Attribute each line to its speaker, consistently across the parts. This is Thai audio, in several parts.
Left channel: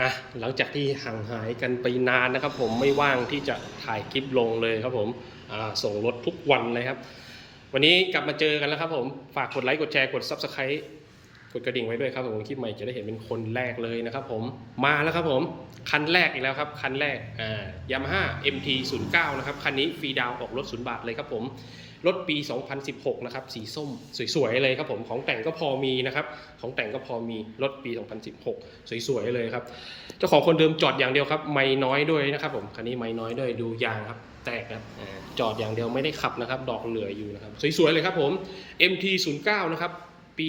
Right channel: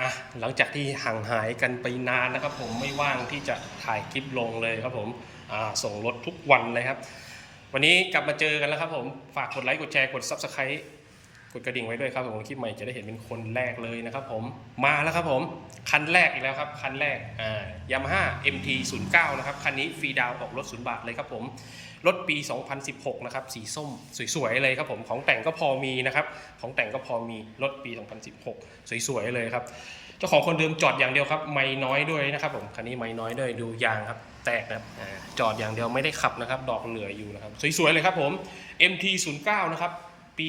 Speaker 1: อะหลังจากที่ห่างหายกันไปนานนะครับ ผมไม่ว่างที่จะถ่ายคลิปลงเลยครับผมอ่าส่งรถทุกวันเลยครับ วันนี้กลับมาเจอกันแล้วครับผม ฝากกดไลค์กดแชร์กด Subscribe กดกระดิ่งไว้ด้วยครับผมคลิปใหม่จะได้เห็นเป็นคนแรกเลยนะครับผมมาแล้วครับผมคันแรกอีกแล้วครับคันแรกอ่ายามาฮ่า MT 0 9นะครับคันนี้ฟรีดาวออกรถศูนย์บาทเลยครับผมรถปี 2016 นะครับ สีส้มสวยๆเลยครับผมของแต่งก็พอมีนะครับ ของแต่งก็พอมีรถปี 2016 สวยๆเลยครับเจ้าของคนเดิมจอดอย่างเดียวครับ ไม่น้อยด้วยนะครับผมคันนี้ไม่น้อยด้วยดูยางครับ แตกนะครับจอดอย่างเดียวไม่ได้ขับนะครับ ดอกเหลืออยู่นะครับ สวยๆเลยครับผม MT 0 9นะครับ ปี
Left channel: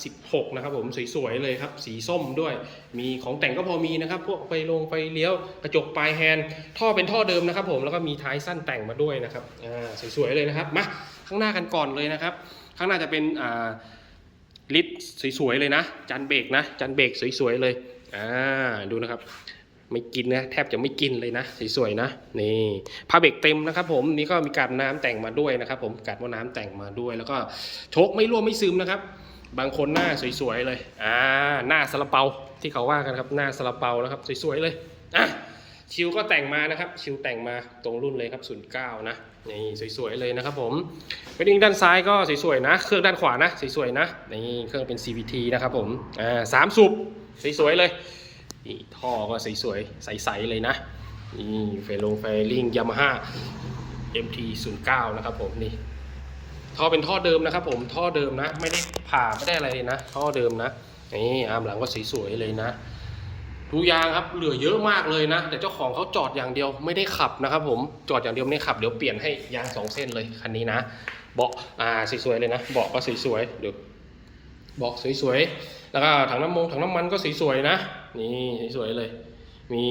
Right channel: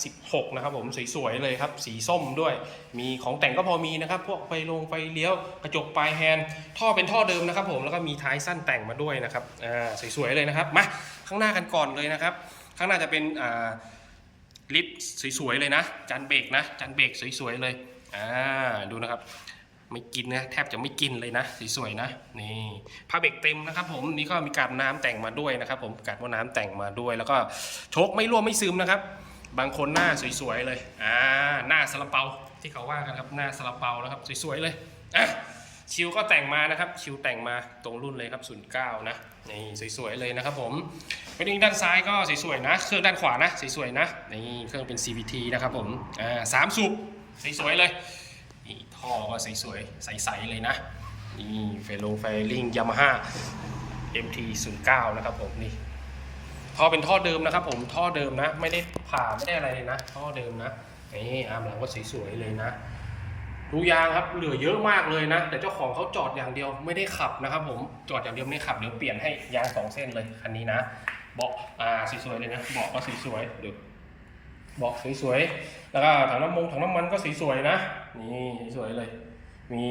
Speaker 1: 2016 นะครับผมสวยๆเลยครับ สีส้มด้วย มีของแต่งก็พอมีนะครับ พวกไฟลงไฟเลี้ยวกระจกปลายแฮนด์ท่อเป็นท่อเดิมนะครับผมแล้วก็มีท้ายสั้นแต่งมาด้วยนะครับอ่าสวยๆเลยนะครับมาข้างหน้ากันก่อนเลยนะครับ ข้างหน้าจะเป็นอ่าลิฟสวยๆเลยนะจันเบรกนะจันเบรกสวยๆเลยอ่าดูนะครับ ไม่กินนะแทบจะไม่กินเลยนะสวยๆนะนี่ผ้าเบรกเต็มนะครับ ผมนี่ก็มีกาบน้ำแต่งมาด้วยนะครับ ผมกาบว่าน้ำแต่งมาด้วย แล้วก็โชคไม่ร่วมไม่ซึมนะครับ บางคนหน้าสวยๆเลยอ่าหน้าซาลาเปาที่เขาว่ากันครับหน้าซาลาเปานะครับสวยๆเลยอะชิวก็แต่งมานะครับ ชิวแต่งมาตรงรุ่นเลยครับ09นะนี่สวยๆเลยนะครับ ผมเป็นอิงด้านซ้ายก็สวยๆนะ เครื่องด้านขวานะสวยๆนะนี่เครื่องเป็น CVT นะครับผมอ่าสามสูบสวยๆเลย นี่ท่อก็สวยๆ ใสๆ เลยนะ นี่เฟลงไฟลิงยามาฮ่า MT 0 9 นะครับผมนี่ท่อเป็นท่อเดิมนะครับผมท่อเดิมนะ ไม่ได้ผ่าไม่ได้อะไรเลยนะ ท่อเดิมนะนี่อาร์มหลังก็สวยๆเลยนะทุกอยางครับเหลือเยอะมากเลยนะ แต่เจ้าของเขาจอดอย่างเดียวไม่ได้ขับนะครับผมจอดอย่างเดียวไม่ได้ขับเดี๋ยวเปลี่ยนให้ยางสองเส้นเลยคันนี้นะ เบาะอ่าสวยๆเลยนะเบาะก็สวยๆเดี๋ยว บอกสวยๆ แล้วก็ถังน้ำมงถังน้ำมันก็สวยๆนะ นี่สวยๆเลย มี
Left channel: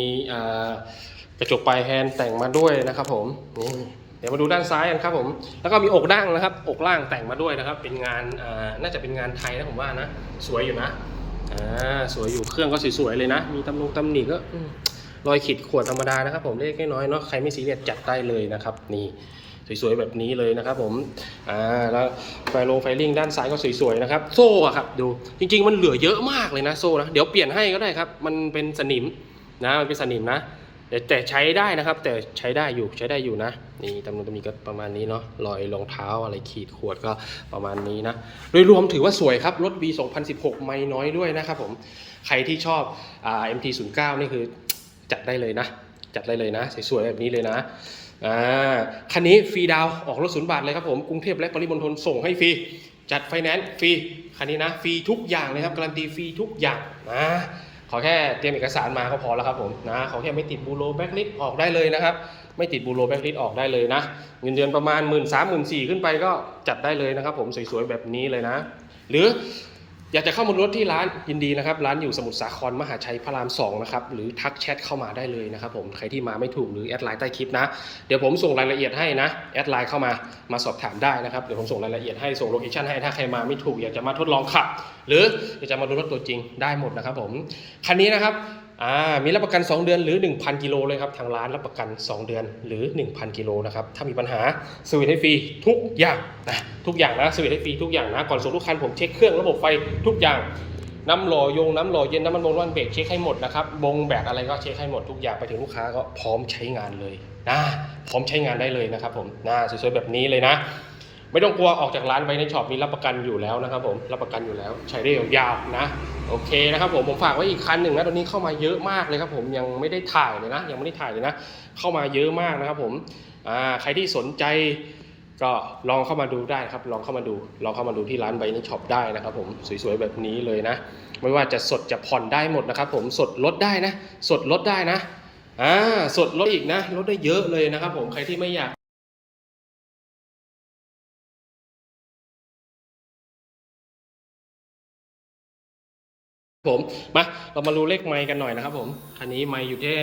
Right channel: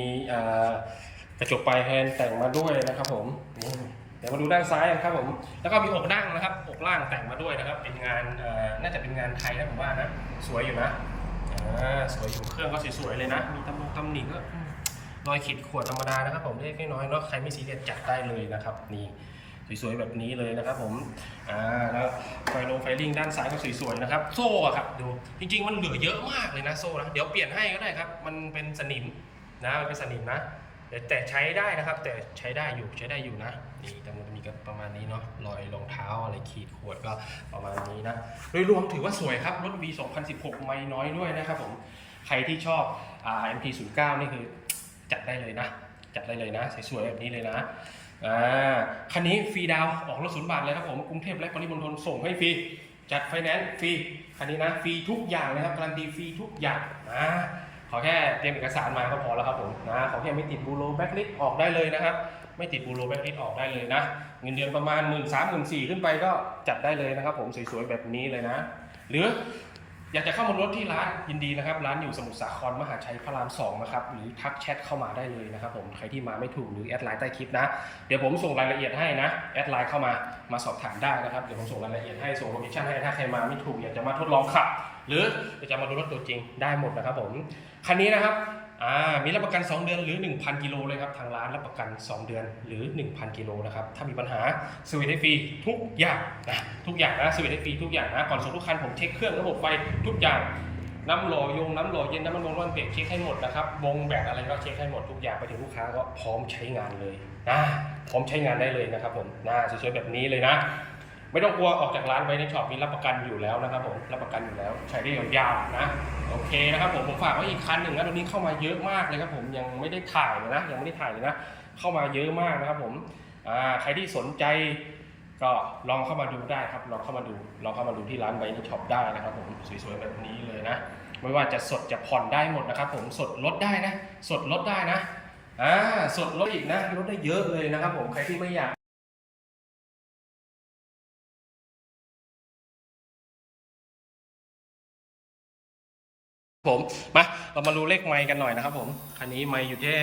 Speaker 1: กระจกปลายแฮนด์แต่งมาด้วยนะครับผมนี่เดี๋ยวมาดูด้านซ้ายกันครับผม แล้วก็มีอกด่างนะครับ อกล่างแต่งมาด้วยนะครับ เป็นงานน่าจะเป็นงานไทยนะผมว่านะ สวยอยู่นะสวยอยู่เครื่องก็สวยๆเลยนะ มีตำนงตำหนิก็รอยขีดข่วนธรรมดานะครับผมเล็กน้อยเนาะใครไม่ซีเรียสจัดได้เลยนะครับ นี่ สวยๆแบบนี้เลยนะครับผมอ่าแล้วไฟลงไฟลิงด้านซ้ายก็สวยๆนะครับโซ่อะครับดูจริง ๆ มันเหลือเยอะมากเลยนะโซ่นะเดี๋ยวเปลี่ยนให้ก็ได้ครับมันเป็นสนิมนะมันเป็นสนิมนะแต่ใช้ได้นะครับ แต่ใช้ได้อยู่ใช้ได้อยู่นะ นี่ตำนวนตำหนิก็ประมาณนี้เนาะรอยรองเท้าอะไรขีดขวนก็ประมาณนี้นะ โดยรวมถือว่าสวยครับ รถ B 2016 ไม่น้อยด้วยนะครับผมใครที่ชอบอ่า MT 0 9 นี่คือจัดได้เลยนะ จัดได้เลยนะ สวยๆแบบนี้เลยนะ อ่าคันนี้ฟรีดาวออกรถศูนย์บาทเลยครับผมกรุงเทพและปริมณฑลส่งให้ฟรีจัดไฟแนนซ์ฟรีคันนี้นะฟรีทุกอย่างเลยครับการันตีฟรีทุกอย่างนะขอแค่เตรียมเอกสารมาก็พอแล้วครับผมนะขอแค่ไม่ติดบูโรแบ็กลิสออกได้เลยนะครับ ไม่ติดบูโรแบ็กลิสออกได้เลยนะ เงินเดือนประมาณ 1 3ื่นสามหมื่นสี่ขึ้นไปก็จัดได้เลยนะครับผมสวยๆแบบนี้เลยนะ หรือ อยากจะเข้ามารถที่ร้านยินดีนะครับ ร้านอยู่สมุทรสาครมหาชัยพระราม2นะครับหรือทักแชทเข้ามาได้เลยนะครับผมใครที่มาไม่ถูกหรือแอดไลน์ใต้คลิปนะ เดี๋ยวผมส่งรายละเอียดให้นะแอดไลน์เข้ามามาสอบถามได้นะครับเดี๋ยวผมส่งรายละเอียดให้ส่งโลเคชั่นให้ถ้าใครมาไม่ถูกอยากจะมาทดลองขับ หรืออยากจะมาดูรถตัวจริงได้หมดนะครับผมคันนี้นะครับ อ่ามีรับประกัน 2 เดือนหรือ 1,000 กิโลเลยครับ ทางร้านรับประกัน 2 เดือนหรือ 1,000 กิโลนะครับ ถ้ามีปัญหาสวิตให้ฟรีทุกอย่างนะทุกอย่างนะสวิตให้ฟรีทุกอย่างนะ ก่อนส่งทุกคันผมเช็คเครื่องระบบไฟทุกอย่างน้ำหล่อยงน้ำหล่อเย็นน้ำมันลมน้ำมันเบรกเช็คให้หมดนะครับบงแบตอะไรก็เช็คให้หมดทุกอย่างไปถึงลูกค้าก็พร้อมใช้งานเลยนะพร้อมใช้งานได้เลยนะครับผมนะสวยๆแบบนี้เลยนะ ไม่ต้องกลัวออกจากร้านไว้ในช็อปนี้รับประกันอยู่แล้วนะครับผมรับประกันอยู่แล้ว ใช้ได้ยาวๆนะโอเคนะครับผมผมฝากไว้อีกคันหนึ่งนะตอนนี้เข้ามาเยอะมากเลยครับผมยังไม่ได้ถ่ายเลยนะ ยังไม่ได้ถ่ายเลยนะ เข้ามาเยอะมากนะครับผมอ่าใครที่สนใจก็ลองเข้ามาดูได้ครับ ลองเข้ามาดู ลองเข้ามาดูที่ร้านไบนี่ช็อปได้นะครับผม สวยๆแบบนี้เลยนะ ไม่ว่าจะสดจะผ่อนได้หมดนะครับผม สดลดได้นะ สดลดได้นะ อ่า สดลดอีกนะ ลดได้เยอะเลยนะครับผม ใครที่ไม่อยาก ผมมาเรามาดูเลขไมค์กันหน่อยนะครับผมคันนี้ไมค์อยู่ที่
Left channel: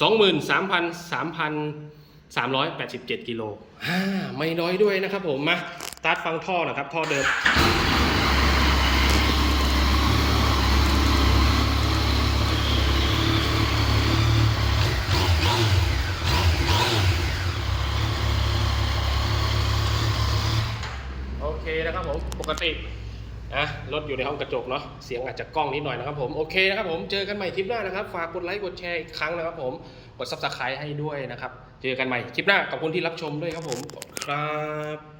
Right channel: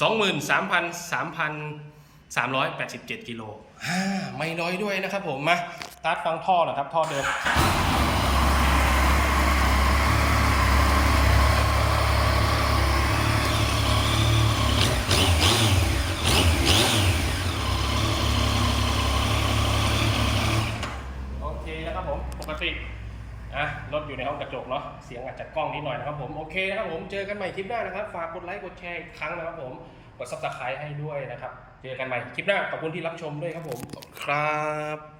Speaker 1: สองหมื่นสามพันสามพัน387กิโลอ่าไม่น้อยด้วยนะครับผมมาสตาร์ทฟังท่อหนะครับ ท่อเดิม โอเคนะครับผมปกติ อะรถอยู่ในห้องกระจกเนาะเสียงอาจจะกล้องนิดหน่อยนะครับผมโอเคนะครับผมเจอกันใหม่คลิปหน้านะครับ ฝากกดไลค์กดแชร์อีกครั้งนะครับผมกดซับสไครต์ให้ด้วยนะครับ เจอกันใหม่คลิปหน้าขอบคุณที่รับชมด้วยครับผมขอบคุณครับ